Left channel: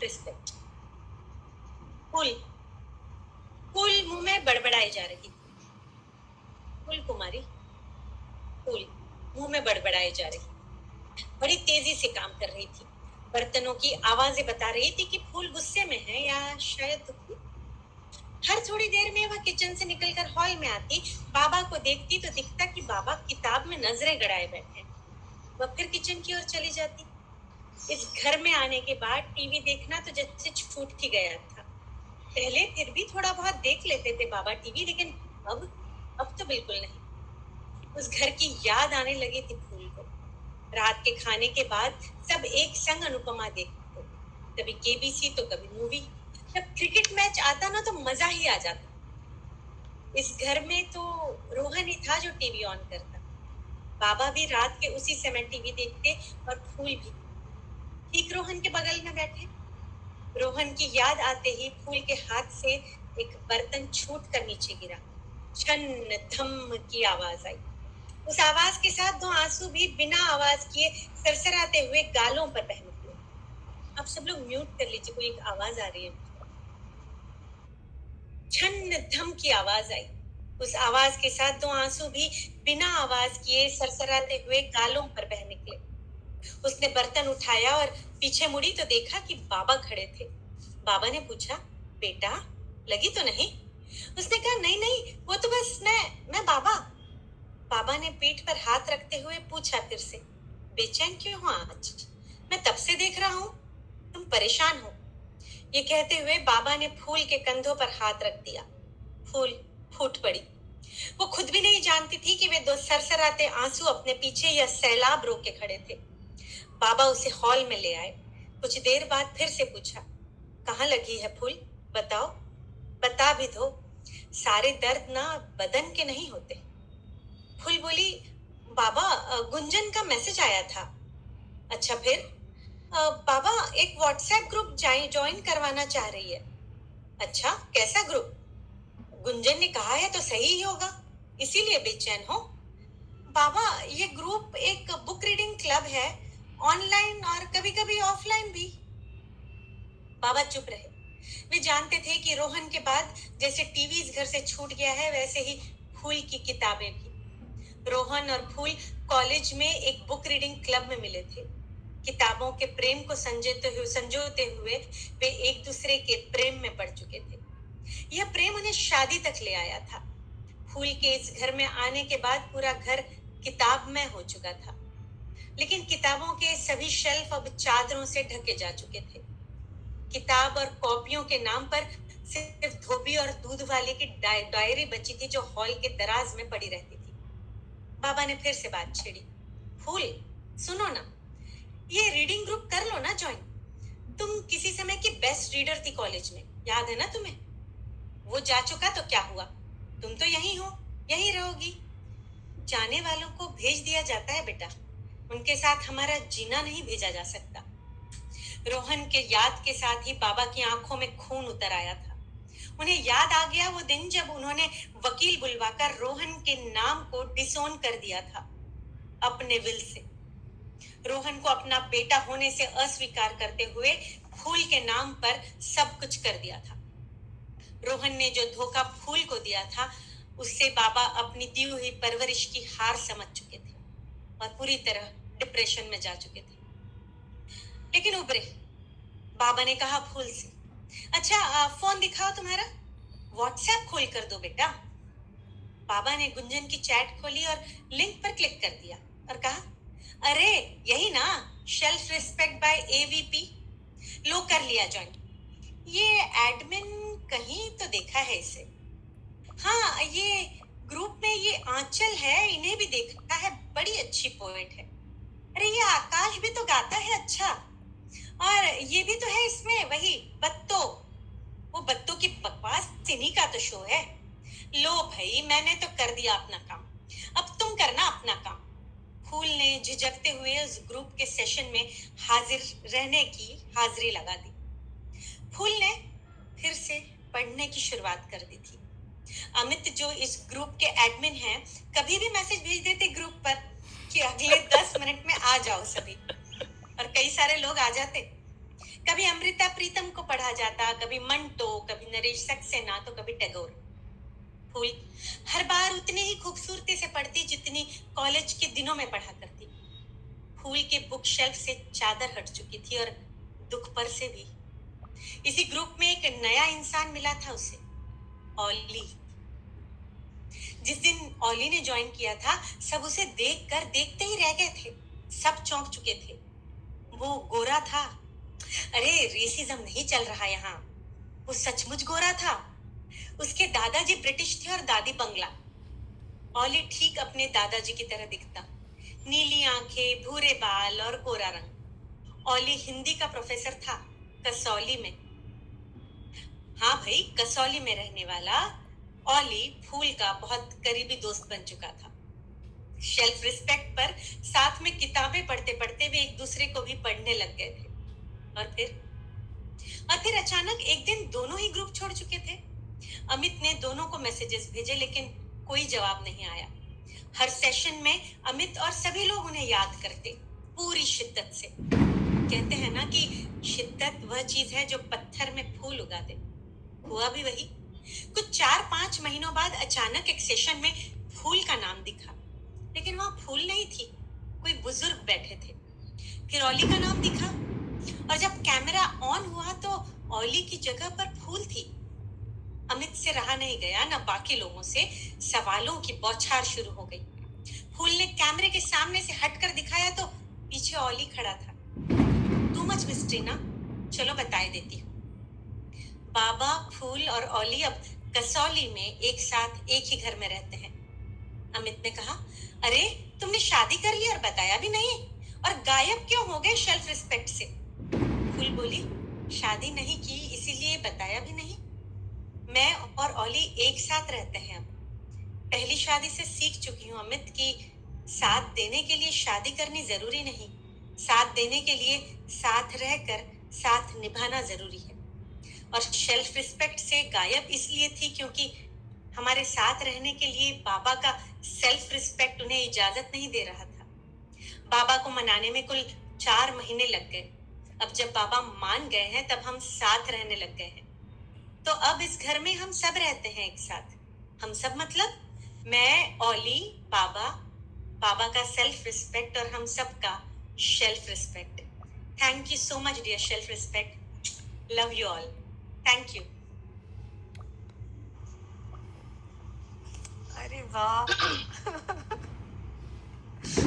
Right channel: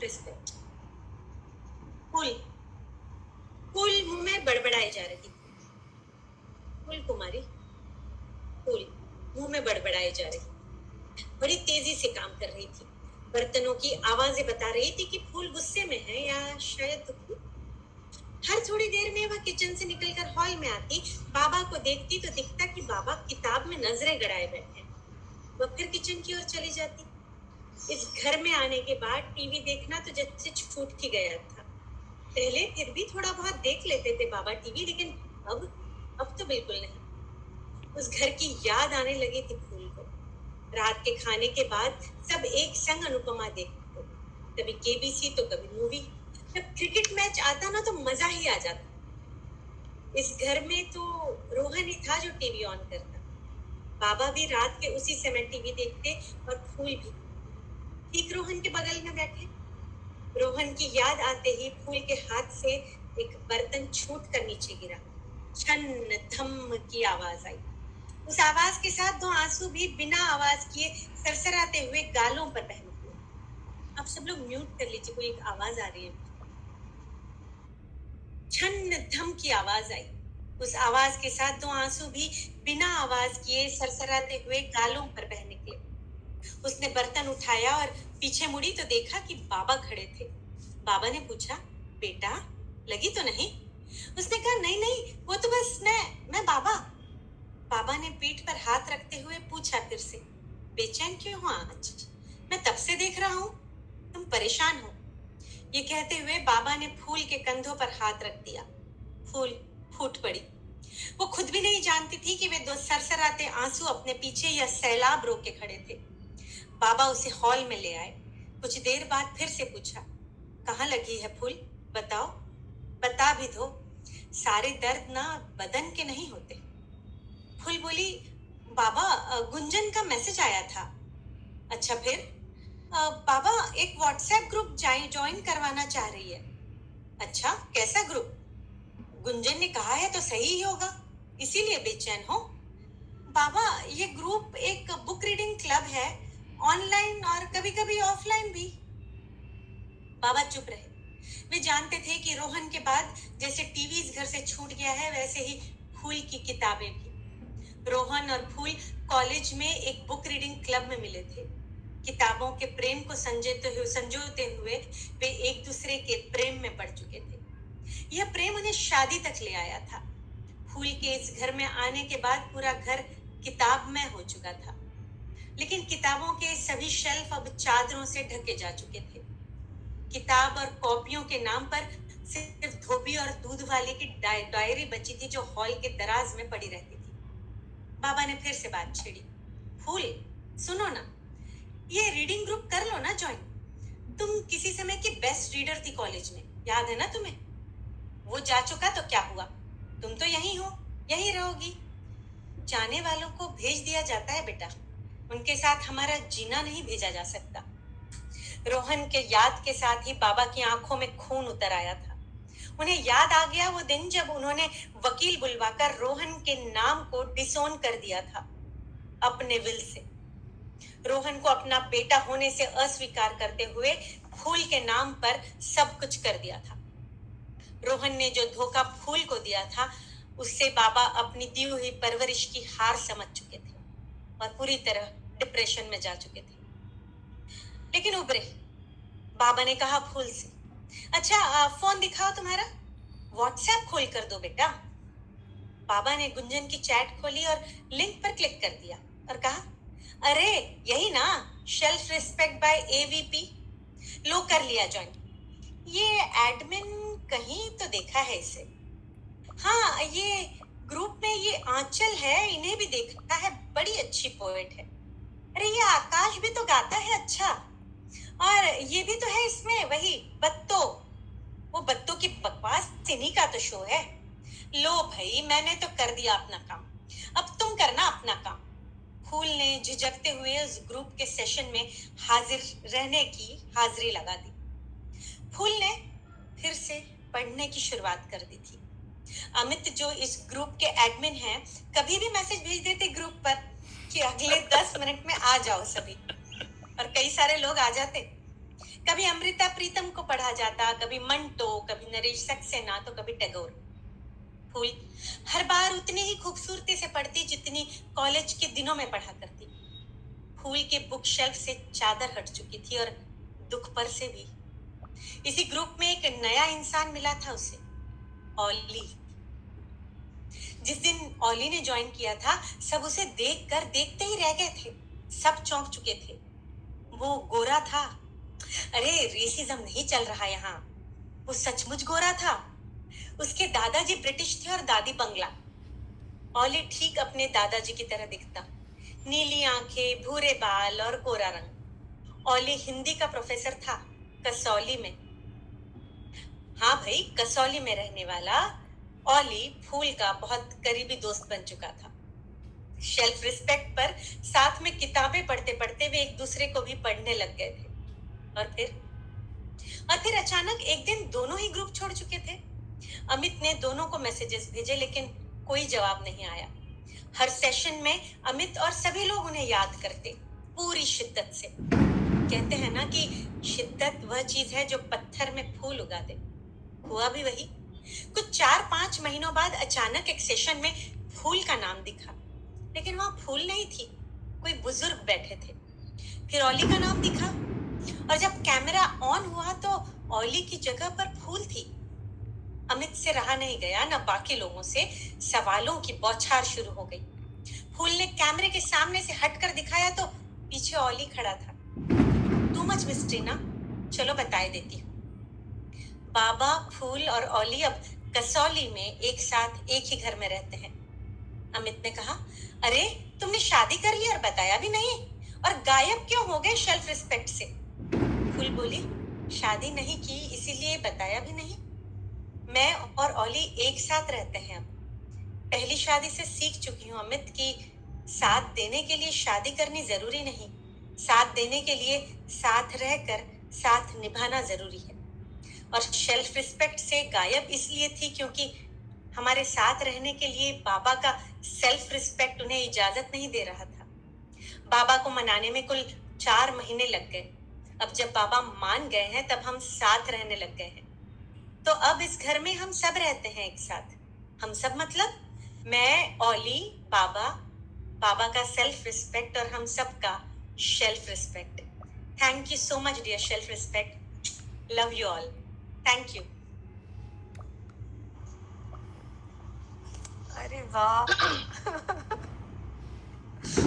Self respect. फूल फूल मुंह में बड़बड़ाई जा रही थी। फूल कुमारी, फूल मुंह में बड़बड़ाई जा रही, बड़ी तेजी से काम कर रही थी। बर्तनों की आवाजें बता रही थी कि फूल गुस्से में है या शायद दुखी। हर थोड़ी देर में वह किचन से निकलकर हॉल में आती, बाबा को देखती तो दिखता कि बाबा किताब में नजरें गड़ाए बैठे। वह फिर किचन की ओर चली जाती। इस घर में आने के बाद टीवी देखना तो जैसे छूट ही गया था। पहले फिर भी थोड़ा बहुत देख लेते थे बाबा टीवी, लेकिन अब तो बिल्कुल नहीं। उस घर की याद आने लगी थी फूल को। रात के खाने के बाद सब एक संग अनुपमा देखते, कभी केबीसी तो कभी मूवी। जब क्रिकेट मैच आता ना तो मजा ही आ जाता। इस घर में तो रोहन ही था जो टीवी ऑन करता। बाबा भी रात के उसी समय टीवी देखते और फूल भी ठीक रोहन के बगल में बैठे। रोहन की याद आते ही फूल के हाथ से एक बर्तन छूट कर नीचे गिरा। छन धम की आवाज आई। उस आवाज के साथ दो आंसू भी बिना आवाज किए सरसराते हुए गालों पर बह निकले। अब सब लोग म्यूट कर लीजिए, कोई एक आवाज आ रही है। छन धम की आवाज आई। उस आवाज के साथ दो आंसू भी बिना आवाज किए सरसराते हुए गालों पर बह निकले। उसने बर्तन उठाया और पीछे मुड़ी तो देखा कि बाबा खड़े थे। बाबा ने पूछा, बेटा लगी तो नहीं? उसने कहा, नहीं नहीं, वो तो बस मैं बाबा। बाबा ने पीठ पर हाथ रखते हुए पूछा फिर से, बेचैन क्यों हो आज? मैं तब से देख रहा हूँ तुम परेशान हो। ये कहते हुए बाबा ने फूल के कंधों पर हाथ रख दिया। फूल फूट पड़ी। वो खुद भी नहीं जानती थी कि वे दो सरसराते आंसू अपने पीछे यह सैलाब रोके खड़े थे। बाबा उसे हॉल में ले आए। कुछ देर बाद फिर से पूछा, कहाँ लगी है फूल? बताओ, बता भी दो। सारे दर्द ना बदन के नहीं होते। फूल बोली, बाबा गुंजन का मैसेज आया था। अच्छा फिर? बाबा एक व्हाट्सएप ग्रुप ज्वाइन करवाना चाह रही है। अच्छा, कैसा ग्रुप? गुंजन ने कहा है तो सही ही होगा, इसीलिए बेचैन हो। बाबा ये ग्रुप एक बुक रीडिंग क्लब है, ऑनलाइन और कभी कभी ऑफलाइन भी। बाबा चुप रहे। वे जानते थे कि रोहन के बाद जैसे टीवी इस घर से छूट गया है, वैसे ही फूल की किताबें भी। रोहन और फूल कॉलेज में एक बुक रीडिंग क्लब में मिले थे। किताबों के प्रेम को संजोते हुए वे एक दूसरे के प्रेम में पड़ चुके थे। यह प्रेम उन्हें शादी तक ले आया था। फूल के इस घर में आने के बाद पूरा घर किताबमय हो चुका था, लेकिन किताबों के सभी शेल्फ अब चादरों से ढके जा चुके थे। किताब और कॉपियों के नाम पर सिर्फ धोबी और दूध वाले की डायरी बची थी, जो हॉल के दराज में पड़ी रहती थी। बाबा ने फिर से बात छेड़ी, फूल सुनो ना, ये रीडिंग ग्रुप कर लो ना ज्वाइन। तुम किसी समय की बेस्ट रीडर थी कॉलेज में, याद है ना तुम्हें? वो जा चुका तो क्या हुआ, तुम तो यहीं हो, यहीं रहोगी। जाने वालों को भेज दिया जाता है बेटा, उनके साथ हमारा जीना नहीं भेजा जा सकता। रोहन के याद के साथ ही बाबा की आंखों में खून उतर आया था। उन्हें याद आ गया वो दिन जब उन्होंने वकील बुलवाकर रोहन के नाम को डिसोन कर दिया था अपने विल से। रोहन को अपना बेटा होने से अस्वीकार करते हुए फूल के नाम पर सब कुछ कर दिया था। रोहन ने जो धोखा फूल को दिया था, उससे बाबा अपनी दी हुई परवरिश की हार समझ चुके थे और पूरी तरह डिप्रेशन में जा चुके थे। लेकिन उबरे। बाबा ने कहा फूल से, अच्छा फोन दिखाओ तुम्हारा, व्हाट्सएप खोल कर दो बेटा। बाबा ने गुंजन की चैट खोली और लिंक पर क्लिक कर दिया और कहा, अरे यही ना, सेल्फ रिस्पेक्ट बाय एवीपी। लो कर लिया ज्वाइन। ये एडमिन कहीं तो देखा है इसे। हाँ, ये ग्रुप में ये आंचल है, इन्हें भी देखा है, बड़ी अच्छी पोएट है। अरे ये आकाश भी तो गाता है अच्छा। और ये भी तो है इसमें, वही बत्तो। वो बत्तों की बकवास इन्हीं का तो शो है। लो भाई, मैंने तो कर दिया अपना काम, अब तुम करना अपना काम। फूल ने झिझकते हुए उस ग्रुप के सेशन में हाजिर रहने की हाजिरी लगा दी। फूल ने फिर से पढ़ने की शुरुआत कर दी थी। अमित जो इस ग्रुप के एडमिन हैं, कभी भी मैसेज भेज देते ग्रुप पर कि अगले 10 मिनट में आ जाओ सभी, और कई सारे लोग आ जाते। कभी अमृता प्रीतम को पढ़ा जाता, कभी मंटो, कभी नरेश सक्सेना, तो कभी टैगोर। फूल हर बार उतनी ही खूबसूरती से पढ़ती जितनी कॉलेज के दिनों में पढ़ा करती। फूल के बुक शेल्फ से चादर हट चुकी थी और दुख पर से भी। इसी ग्रुप में एक नया इंसान मिला था उसे, ऑली। जिस दिन ऑली ने ज्वाइन किया था, सब उसे देखकर देखते ही रह गए थे। सब चौंक चुके थे। वो गोरा था। अरे रेसिज्म नहीं चल रहा यहाँ। वो सचमुच गोरा था। उसके दादाजी ब्रिटिश थे और दादी बंगला। ऑली ठीक अपने दादाजी की तरह दिखता, नीली आंखें, भूरे बाल और गोरा रंग। ऑली हिंदी का प्रोफेसर था, कसौली में। हाँ भाई, कसौली में रहने वाला ऑली फूल का बहुत करीबी दोस्त बन चुका था। सेल्फ रिस्पेक्ट पर साथ में किताबें पढ़ते पढ़ते वे एक दूसरे को भी पढ़ने लग गए थे। और फिर अचानक एक दिन दोनों ही ग्रुप छोड़ चुके थे। अमित ने दोनों को मैसेजेस भेजे, लेकिन कोई जवाब नहीं आया। हर सेशन में अमित और सभी लोग उन्हें याद करते, पूरी शिद्दत से। कहते हैं ना कि शिद्दत वह चीज है जो पत्थर में फूल उगा दे। हुआ भी वही। कुछ 4-5 महीनों बाद अचानक एक सेशन में फूल का नाम दिखा, लेकिन वहां फूल नहीं थी, कोई बुजुर्ग बैठे थे। फिर ऑली का नाम दिखा, और जब कैमरा ऑन हुआ तो ऑली की जगह पर फूल थी। अमित से रहा नहीं गया, न बाकी लोगों से। सवालों की बौछार शुरू हो गई। फूल ने कैमरे के सामने से हटकर दिखाया तो पीछे ऑली खड़ा था। टू मच मिस्ट्री ना, चलो बताए देती हूँ। बाबा, फूल और ऑली अब कसौली में एक साथ एक ही घर में रहते हैं। अमित ने कहा, अरे तुमने शादी कर ली और बताया भी नहीं, और गायब क्यों हो गए सेल्फ रिस्पेक्ट से? फूल बोली, शादी नहीं की इसीलिए बताया भी नहीं। मैं और ऑली एक साथ रहते हैं अब। पहली शादी से सीख चुकी हूँ अमित कि साथ देने के लिए शादी करनी जरूरी नहीं, साथ देने के लिए साथ रहकर साथ निभाना जरूरी है। और सेल्फ रिस्पेक्ट से गायब इसलिए थी क्योंकि हमारे साथ रहने के लिए बाबा का सेल्फ रिस्पेक्ट उन्हें इजाजत नहीं दे रहा था। बाबा को मनाने में कुल 4 महीने लग गए। अब जब बाबा मान गए हैं तब हम साथ रहने लग गए हैं। तो अब इस घर में हम सब रहते हैं एक साथ। हम सब मतलब मैं, ऑली, बाबा, बाबा का सेल्फ रिस्पेक्ट और हम सब का self respect. Thank you so much dear self respect. Love you all. Thank you. अरे वाह